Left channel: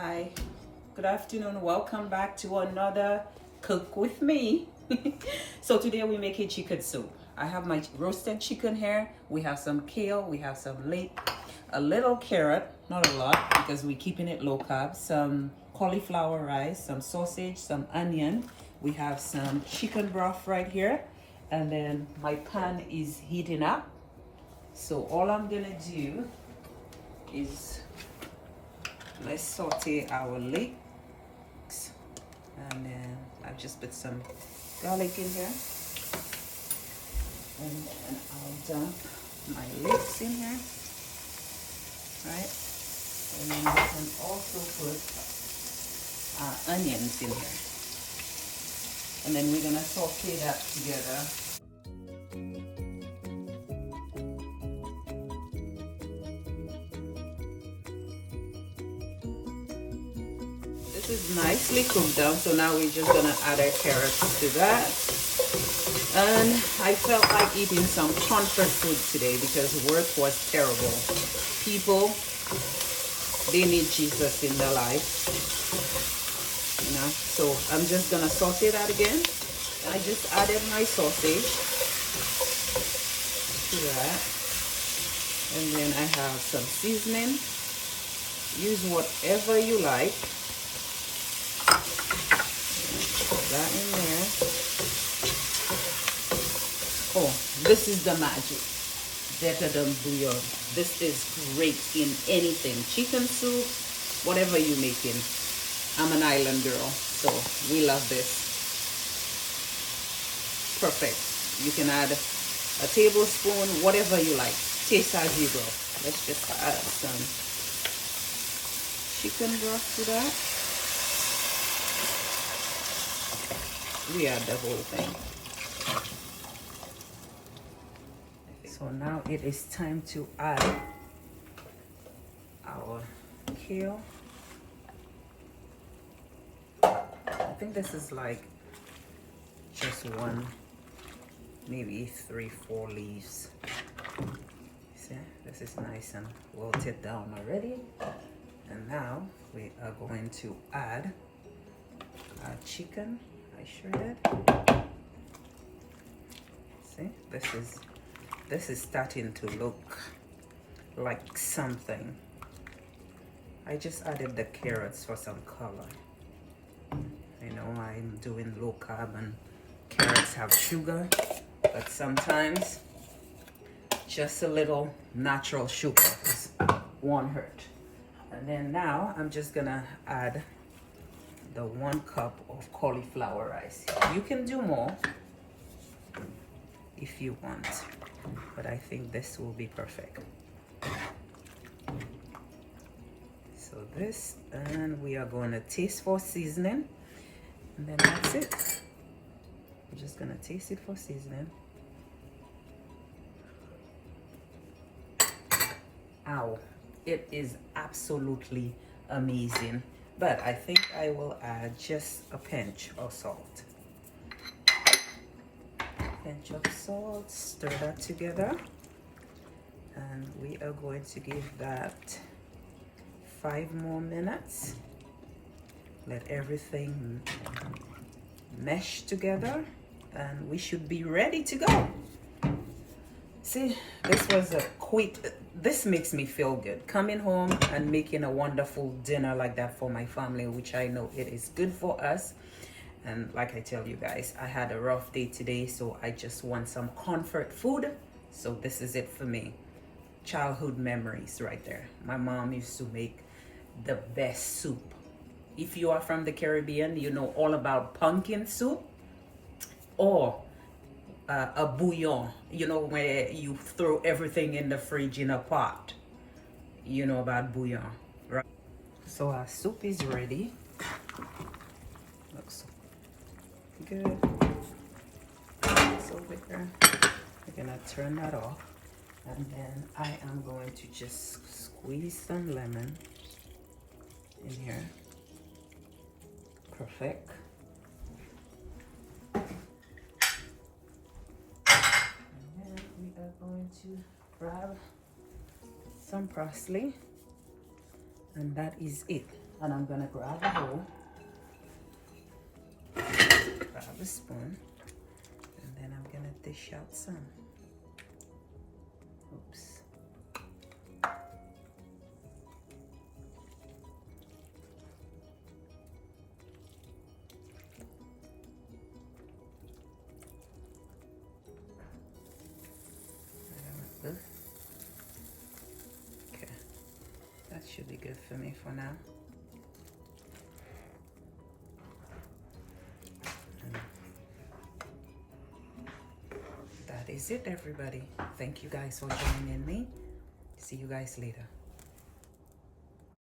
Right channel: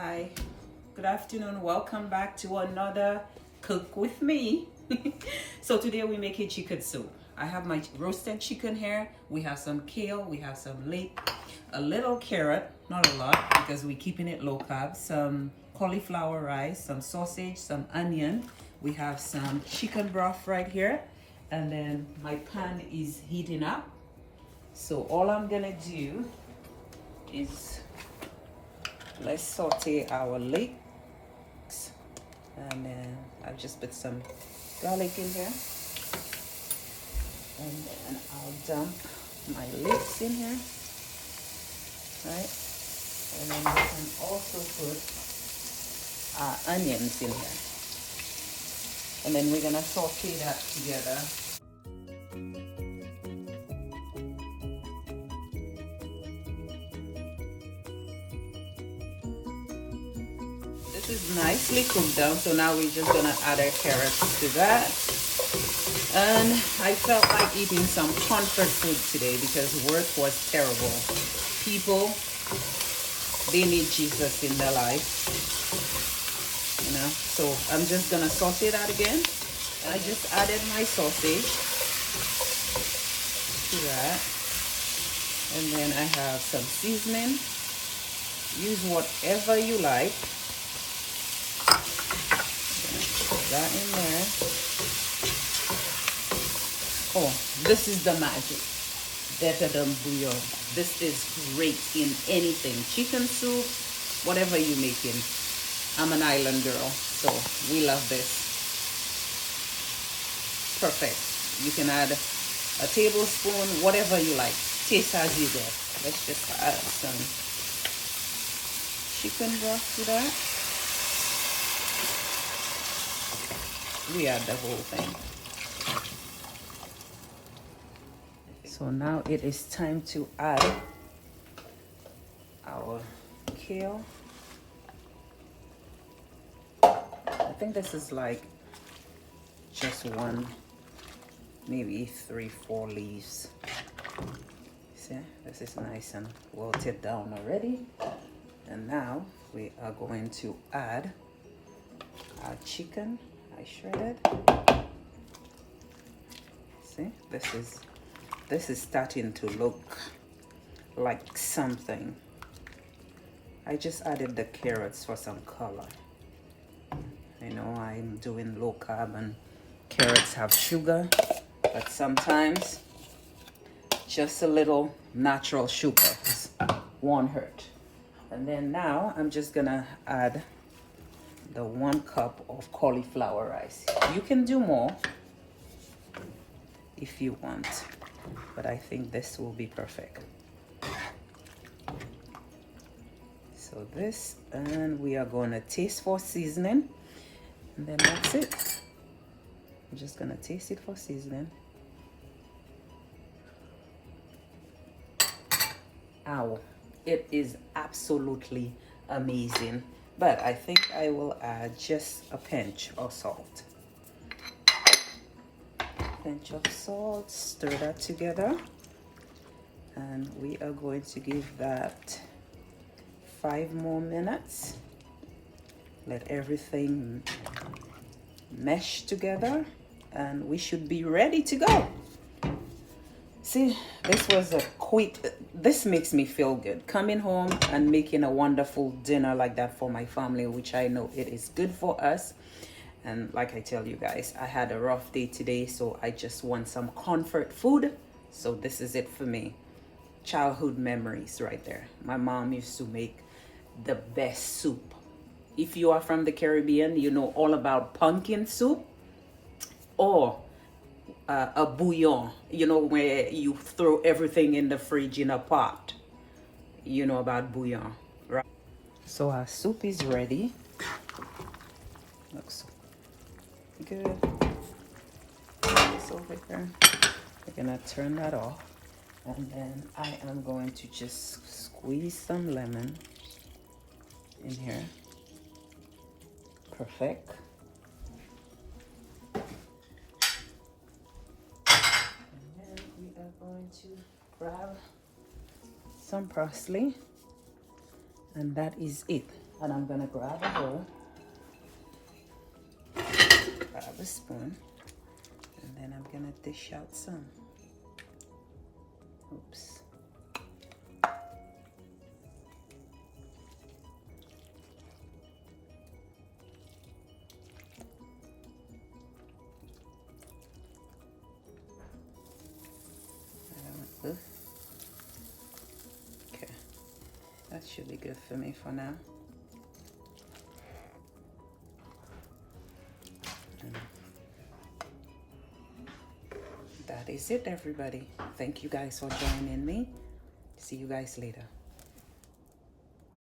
Hi, good afternoon. Welcome back to another Cook With Me. So today we're making chicken soup. I have my roasted chicken here. We have some kale, we have some leek, a little carrot, not a lot because we're keeping it low carb, some cauliflower rice, some sausage, some onion. We have some chicken broth right here. And then my pan is heating up. So all I'm gonna do is let's saute our leeks, and then I've just put some garlic in here, and then I'll dump my leeks in here, right? And then we can also put our onions in here, and then we're gonna saute that together. This is nicely cooked down, so now we're just gonna add our carrots to that. And I felt like eating some comfort food today because work was terrible. People, they need Jesus in their life, you know. So I'm just gonna saute that again. I just added my sausage to that, and then I have some seasoning. Use whatever you like. Put that in there. Oh, this is the magic. Better than bouillon. This is great in anything. Chicken soup, whatever you're making. I'm an island girl, so we love this. Perfect. You can add a tablespoon, whatever you like. Taste as you go. Let's just add some chicken broth to that. We add the whole thing. So now it is time to add our kale. I think this is like just one, maybe 3-4 leaves. See, this is nice and wilted down already. And now we are going to add our chicken. I shredded. See, this is starting to look like something. I just added the carrots for some color. I know I'm doing low carb and carrots have sugar, but sometimes just a little natural sugar won't hurt. And then now I'm just gonna add the 1 cup of cauliflower rice. You can do more if you want, but I think this will be perfect. So this, and we are going to taste for seasoning, and then that's it. I'm just going to taste it for seasoning. Ow, it is absolutely amazing. But I think I will add just a pinch of salt. Pinch of salt, stir that together. And we are going to give that 5 more minutes. Let everything mesh together, and we should be ready to go. See, this was a quick, this makes me feel good. Coming home and making a wonderful dinner like that for my family, which I know it is good for us. And like I tell you guys, I had a rough day today, so I just want some comfort food. So this is it for me. Childhood memories right there. My mom used to make the best soup. If you are from the Caribbean, you know all about pumpkin soup, or a bouillon, you know, where you throw everything in the fridge in a pot. You know about bouillon, right? So our soup is ready. Looks good. So we're gonna turn that off, and then I am going to just squeeze some lemon in here. Perfect. Going to grab some parsley, and that is it. And I'm gonna grab a bowl, grab a spoon, and then I'm gonna dish out some. Oops. Okay, that should be good for me for now. That is it, everybody. Thank you guys for joining me. See you guys later.